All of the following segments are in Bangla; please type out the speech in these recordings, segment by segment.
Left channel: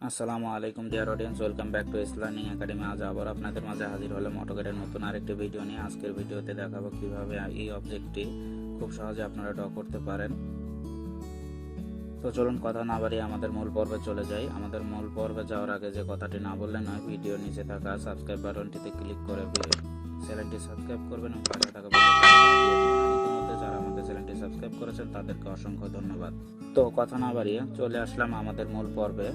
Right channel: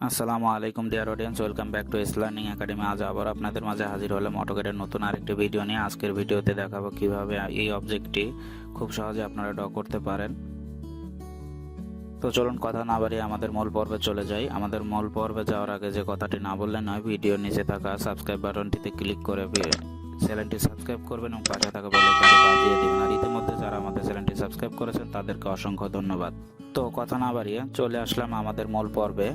আসসালামু আলাইকুম dear audience, welcome back to learning academy. আজ আবার আপনাদের মাঝে হাজির হলাম অটোক্যাডের নতুন আরেকটি ভিডিও নিয়ে। আজকের ভিডিওতে দেখাবো কিভাবে এই অবজেক্টটি খুব সহজে আপনারা ড্র করতে পারেন। তো চলুন কথা না বাড়িয়ে আমাদের মূল পর্বে চলে যাই। আমাদের মূল পর্বে যাওয়ার আগে যে কথাটি না বললে নয়, ভিডিওর নিচে থাকা সাবস্ক্রাইব বাটনটিতে ক্লিক করে চ্যানেলটি সাবস্ক্রাইব করবেন এবং পাশে থাকা বেল আইকনটি বাজিয়ে দিবেন। আর ইতিমধ্যে যারা আমাদের চ্যানেলটি সাবস্ক্রাইব করেছেন তাদেরকে অসংখ্য ধন্যবাদ। তো কথা না বাড়িয়ে চলে আসলাম আমাদের মূল পর্বে।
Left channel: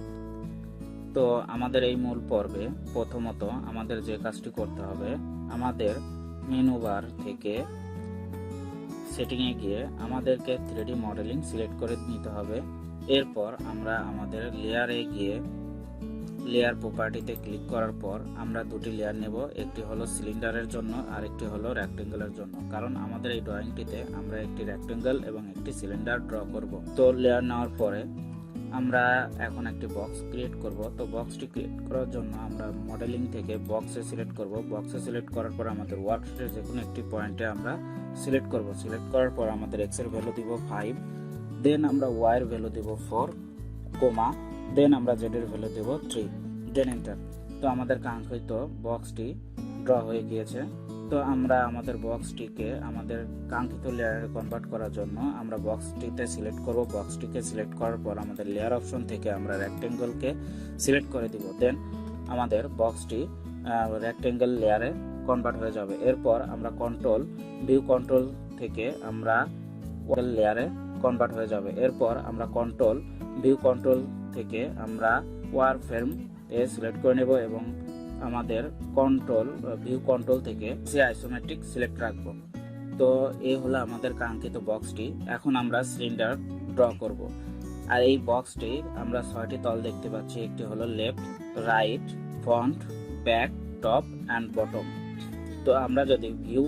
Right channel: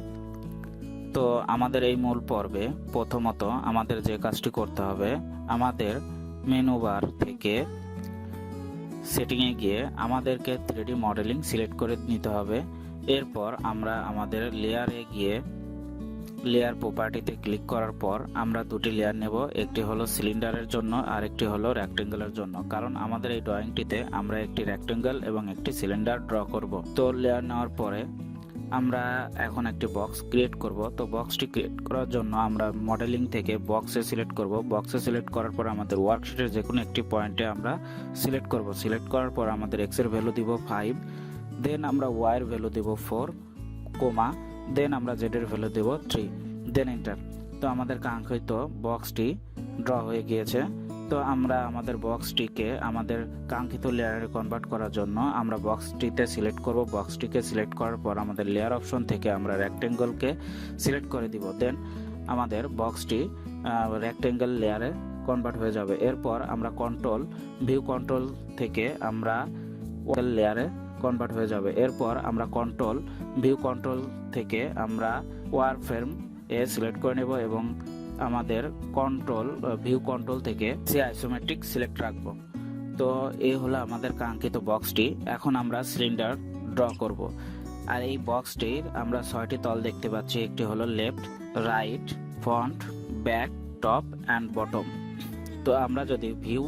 তো আমাদের এই মূল পর্বে প্রথমত আমাদের যে কাজটি করতে হবে, আমাদের মেনু বার থেকে সেটিংয়ে গিয়ে আমাদেরকে 3D মডেলিং সিলেক্ট করে নিতে হবে। এরপর আমরা আমাদের লেয়ারে গিয়ে লেয়ার প্রপার্টিতে ক্লিক করার পর আমরা দুটি লেয়ার নেব, একটি হলো সিলিন্ডারের জন্য আর একটি হলো রেক্টেঙ্গেলের জন্য। কারণ আমাদের এই ড্রয়িংটিতে আমরা একটি রেক্টেঙ্গেল এবং একটি সিলিন্ডার ড্র করব। তো লেয়ার নেওয়ার পরে আমরা এখন একটি বক্স ক্রিয়েট করব। তো বক্সটি ক্রিয়েট করার জন্য আমরা মডেলিং থেকে বক্সে সিলেক্ট করব। বক্সে সিলেক্ট করার পর আমাদের ওয়ার্কশিটের যে কোনো একটি পয়েন্টে আমরা সিলেক্ট করব। সিলেক্ট করার পর আমাদের এক্স এর ভ্যালু দিব 5, দেন আমরা ওয়াই এর ভ্যালু দিব 4, কোমা, দেন আমরা জেড এর ভ্যালু দেব 3, দেন এন্টার। তো আমাদের কাঙ্ক্ষিত বক্সটি ড্র হয়ে গিয়েছে। তো আমরা আমাদের বক্সটিকে আমাদের কাঙ্ক্ষিত লেয়ারে কনভার্ট করার জন্য আমরা বক্সটিতে সিলেক্ট করব। বক্সটিকে সিলেক্ট করার পর আমাদের লেয়ার অপশন থেকে আমরা রেক্টেঙ্গলকে সিলেক্ট করে দিব। দেন আমাদের বক্সটি রেক্টেঙ্গল লেয়ারে কনভার্ট হয়ে যাবে। এরপর আমরা ভিউ কন্ট্রোল থেকে আমরা লেয়ারে কনভার্ট হয়ে যাবে। এরপর আমরা ভিউ কন্ট্রোল থেকে আমরা ওয়ার ফ্রেম সিলেক্ট করে নেব এবং আমাদের ভিউ কন্ট্রোল থেকে আইসোমেট্রিক সিলেক্ট রাখবো। তো এই হলো আমাদের কাঙ্ক্ষিত বক্সটি। এখন আমরা সিলিন্ডার ড্র করব। আর এই বক্সটির আমরা 6টি তল দেখতে পাচ্ছি। একটি হলো left, right, front, back, top and bottom. তো আমরা যদি ভিউ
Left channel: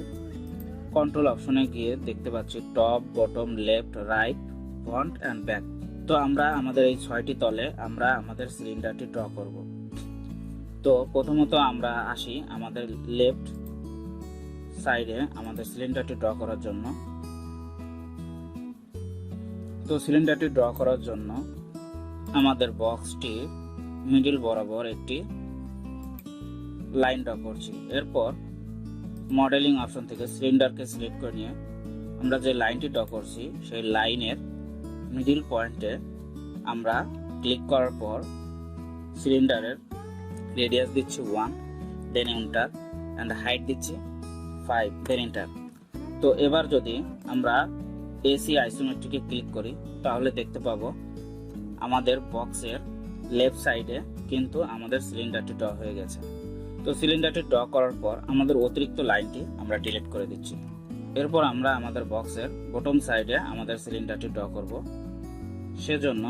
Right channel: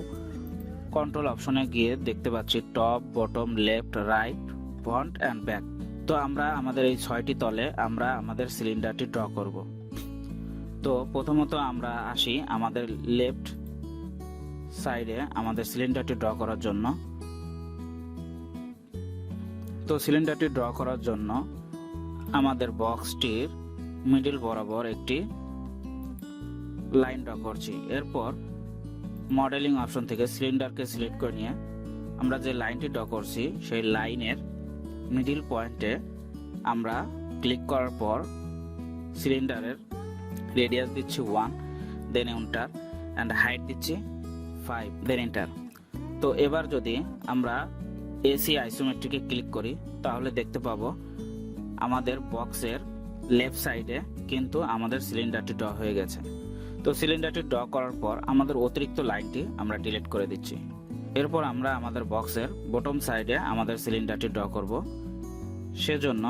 কন্ট্রোল অপশনে গিয়ে দেখতে পাচ্ছি top, bottom, left, right, front and back. তো আমরা আমাদের এই 6টি তলে আমরা আমাদের সিলিন্ডারটি ড্র করব। তো প্রথমত আমরা আসি আমাদের লেফট সাইডে আমাদের সিলিন্ডারটি ড্র করার জন্য। তো সিলিন্ডারটি ড্র করার জন্য আমাদের বক্সটির মিডল বরাবর একটি লাইন ড্র করছি। এরপর মডেলিং অপশন থেকে সিলিন্ডারকে সিলেক্ট করে নিয়ে আমরা যে লাইনটি ড্র করছি সেই লাইনের মিডল পয়েন্টে আমরা ক্লিক করার পর সিলিন্ডারের রেডিয়াস দিচ্ছি 1, দেন এন্টার, অ্যান্ড হাইট দিচ্ছি 5, দেন এন্টার। তো এবার যদি আমরা এসি আইসোমেট্রিকে ক্লিক করি তাহলে দেখতে পাবো আমাদের বক্সের লেফট সাইডে কিন্তু আমাদের সিলিন্ডারটি ড্র হয়ে গেছে। তো সিলিন্ডারটি ড্র করার পর আমাদের অতিরিক্ত লাইনটি আমরা ডিলিট করে দিচ্ছি। এরপর আমরা আমাদের বক্সের বটম সাইডে আমাদের সিলিন্ডারটি ড্র করব। সেজন্য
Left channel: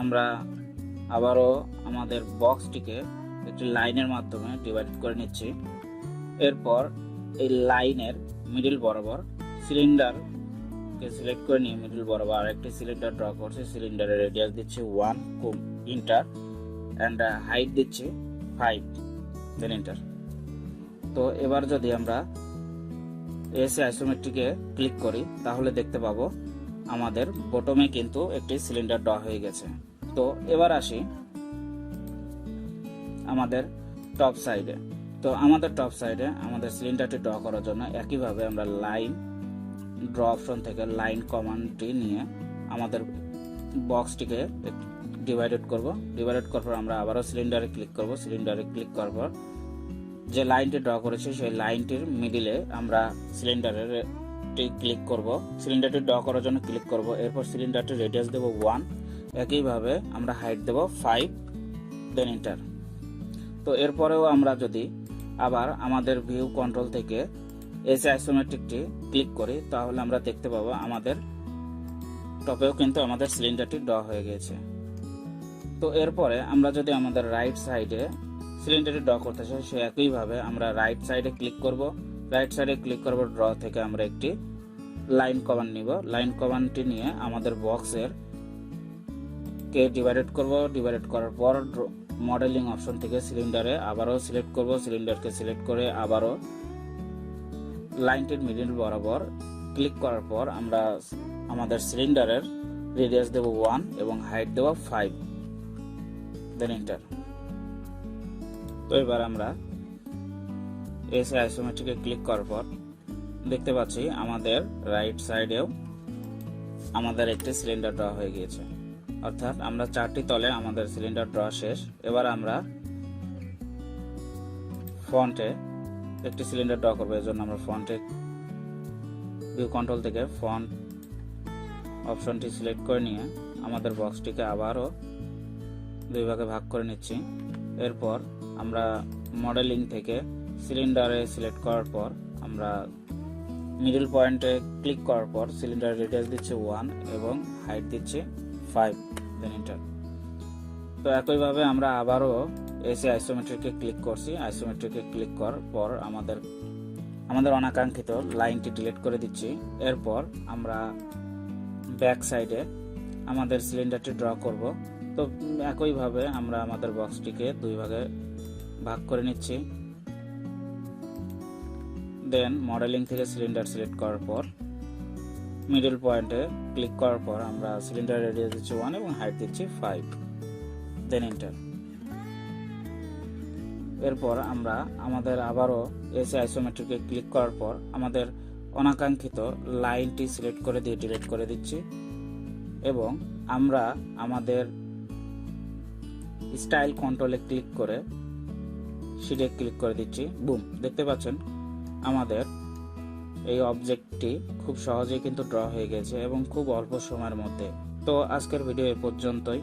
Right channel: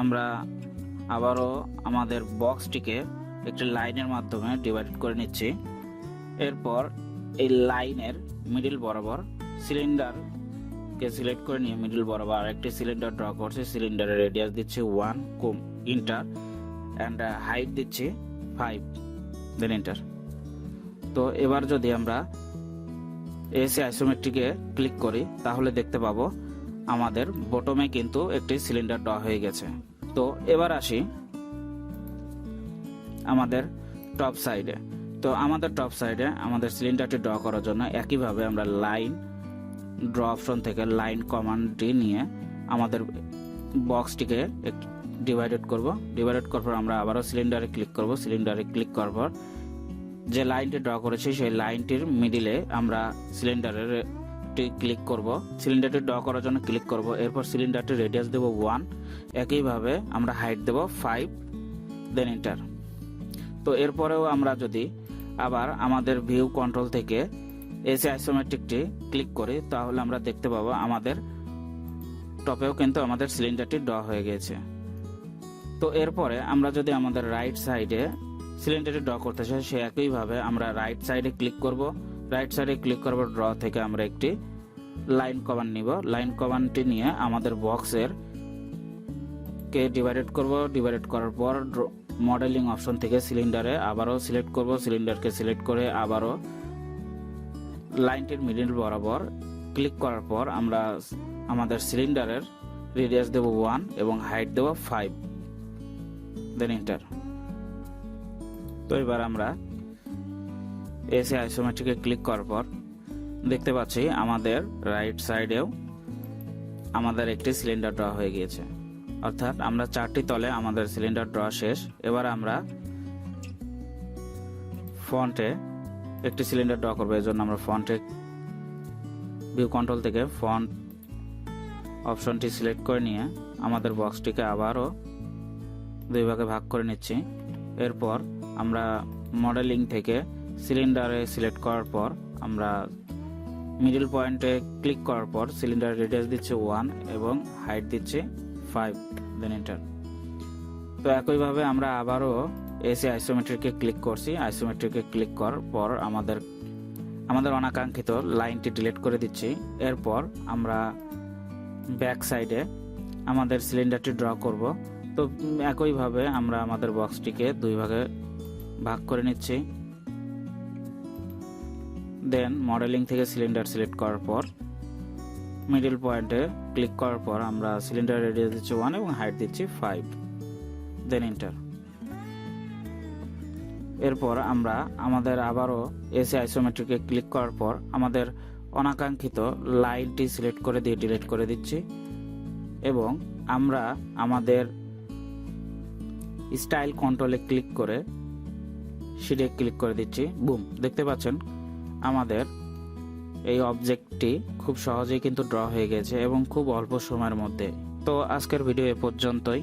আমরা আবারও আমাদের বক্সটিকে একটি লাইনের মাধ্যমে ডিভাইড করে নিচ্ছি। এরপর এই লাইনের মিডল বরাবর সিলিন্ডারকে সিলেক্ট করে নিয়ে মিডল বরাবর আরেকটি সিলিন্ডার ড্র করছি। সিলিন্ডারের রেডিয়াস দিচ্ছি 1, এন্টার, অ্যান্ড হাইট দিচ্ছি 5, দেন এন্টার। তো এবার যদি আমরা এসি আইসোমেট্রিকে ক্লিক করি তাহলে দেখতে পাবো আমাদের বটমে কিন্তু একটি সিলিন্ডার ড্র হয়ে গেছে। তো এবার আসি আমাদের টপ সাইডে। তো আমাদের টপ সাইডে আমাদের সিলিন্ডারটি ড্র করার জন্য একইভাবে আমরা লাইন ড্র অপশন থেকে লাইন কমান্ডটি নিয়ে আমাদের বক্সটিকে ডিভাইডেড করব। ডিভাইডেড করার পর আমরা আবারও সিলিন্ডারে ক্লিক করব। সিলিন্ডারে ক্লিক করার পর যে লাইনটি ড্র করেছি সেই লাইনটির মিডিলে আমরা সিলিন্ডারের ক্লিক করব। সিলিন্ডারটি ড্র করার জন্য ক্লিক করব। এরপর সিলিন্ডারটির রেডিয়াস দেব 1, একইভাবে আমরা হাইট দেব 5, দেন এন্টার। তো এরপরেও আমরা যদি আবার আমাদের ভিউ কন্ট্রোল থেকে এসি আইসোমেট্রিকটি ক্লিক করি তাহলে আমরা দেখতে পাবো আমাদের টপেও কিন্তু আমাদের সিলিন্ডারটি ড্র হয়ে গেছে। তো এরপরে আমরা যদি আমাদের রাইট সাইডে সিলিন্ডারটি ড্র করতে চাই সে একইভাবে আমরা রাইট সাইডে ক্লিক করব। রাইট সাইডে ক্লিক করব, ড্র থেকে আমরা একটি লাইন কমান্ড নিব। লাইন কমান্ডটি নিয়ে আমাদের বক্সের কে ডিভাইডেড করব। ডিভাইডেড করার পর মডেলিং অপশন থেকে সিলিন্ডারে আবারও সিলেক্ট করব। সিলিন্ডারকে সিলেক্ট করে আবারও লাইনটির মিডল বরাবর ক্লিক করার পর আমরা আমাদের সিলিন্ডারের রেডিয়াস দেব 1 এবং হাইট দেব 5, দেন এন্টার। তো এবার আমরা এসে আইসোমেট্রিকে ক্লিক করার পর দেখতে পাচ্ছি আমাদের রাইট সাইডেও আমাদের একটি সিলিন্ডার ড্র হয়ে গিয়েছে, অর্থাৎ আমরা 4টি তলে আমাদের সিলিন্ডার ড্র শেষ। এবার আমরা ফ্রন্টে একটি সিলিন্ডার ড্র করবো। এর জন্য আমরা ফ্রন্টে ভিউ কন্ট্রোল থেকে ফন্ট অপশনটি সিলেক্ট করে নিয়ে আমাদের বক্সটিকে আবারও 2 ভাগে ভাগ করে নিচ্ছি। এরপর আমরা মডেলিং থেকে সিলিন্ডারে সিলেক্ট করার পর আমরা মিডল পয়েন্টে ক্লিক করার পর সিলিন্ডার রেডিয়াস দিচ্ছি 1 এবং হাইট দিচ্ছি 5, দেন এন্টার। তো একইভাবে আমরা আবারও এসে আইসোমেট্রিকে ক্লিক করছি। আইসোমেট্রিকে ক্লিক করার পর আমাদের অনাকাঙ্ক্ষিত লাইনটি ডিলিট করে দিচ্ছি। এরপর আমরা ব্যাক সাইডে আমাদের সিলিন্ডারটি ড্র করব। তো একইভাবে আমরা আমাদের বক্সটিকে 2 ভাগে ভাগ করে নিচ্ছি। দেন মডেলিং থেকে সিলিন্ডার সিলেক্ট করার পর মিডল পয়েন্টে ক্লিক করার পর আমরা সিলিন্ডার রেডিয়াস দিচ্ছি 1 এবং হাইট দিচ্ছি 5, দেন এন্টার। এরপর আমরা আমাদের আবারও এসে আইসোমেট্রিকে ক্লিক করার পর আমাদের অনাকাঙ্ক্ষিত লাইনটি সিলেক্ট করে দিয়ে ডিলিট করে দিচ্ছি এবং আমরা আমাদের স্টাইল কন্ট্রোলে ক্লিক করে শিটে ক্লিক করে দিচ্ছি। বুম, দেখতে পাচ্ছেন আমাদের এই অবজেক্টটি খুব সহজেই কিন্তু ড্র হয়ে গেছে এবং খুব অল্প সময়ের মধ্যে। তো আজকের ভিডিও এ পর্যন্তই।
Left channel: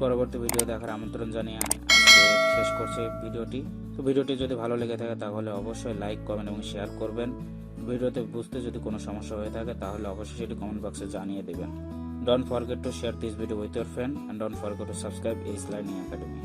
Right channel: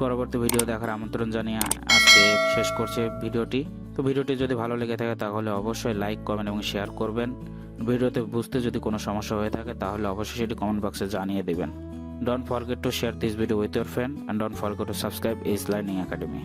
পরবর্তী ভিডিও দেখার আমন্ত্রণ জানিয়ে আজকে শেষ করছে ভিডিওটি। তো ভিডিওটি যদি ভালো লেগে থাকে তাহলে অবশ্যই লাইক, কমেন্ট এবং শেয়ার করবেন। ভিডিওতে বুঝতে যদি কোনো সমস্যা হয়ে থাকে তাহলে অবশ্যই সেটি কমেন্ট বক্সে জানিয়ে দেবেন। Don't forget to share this video with your friend and don't forget to subscribe Learning Academy.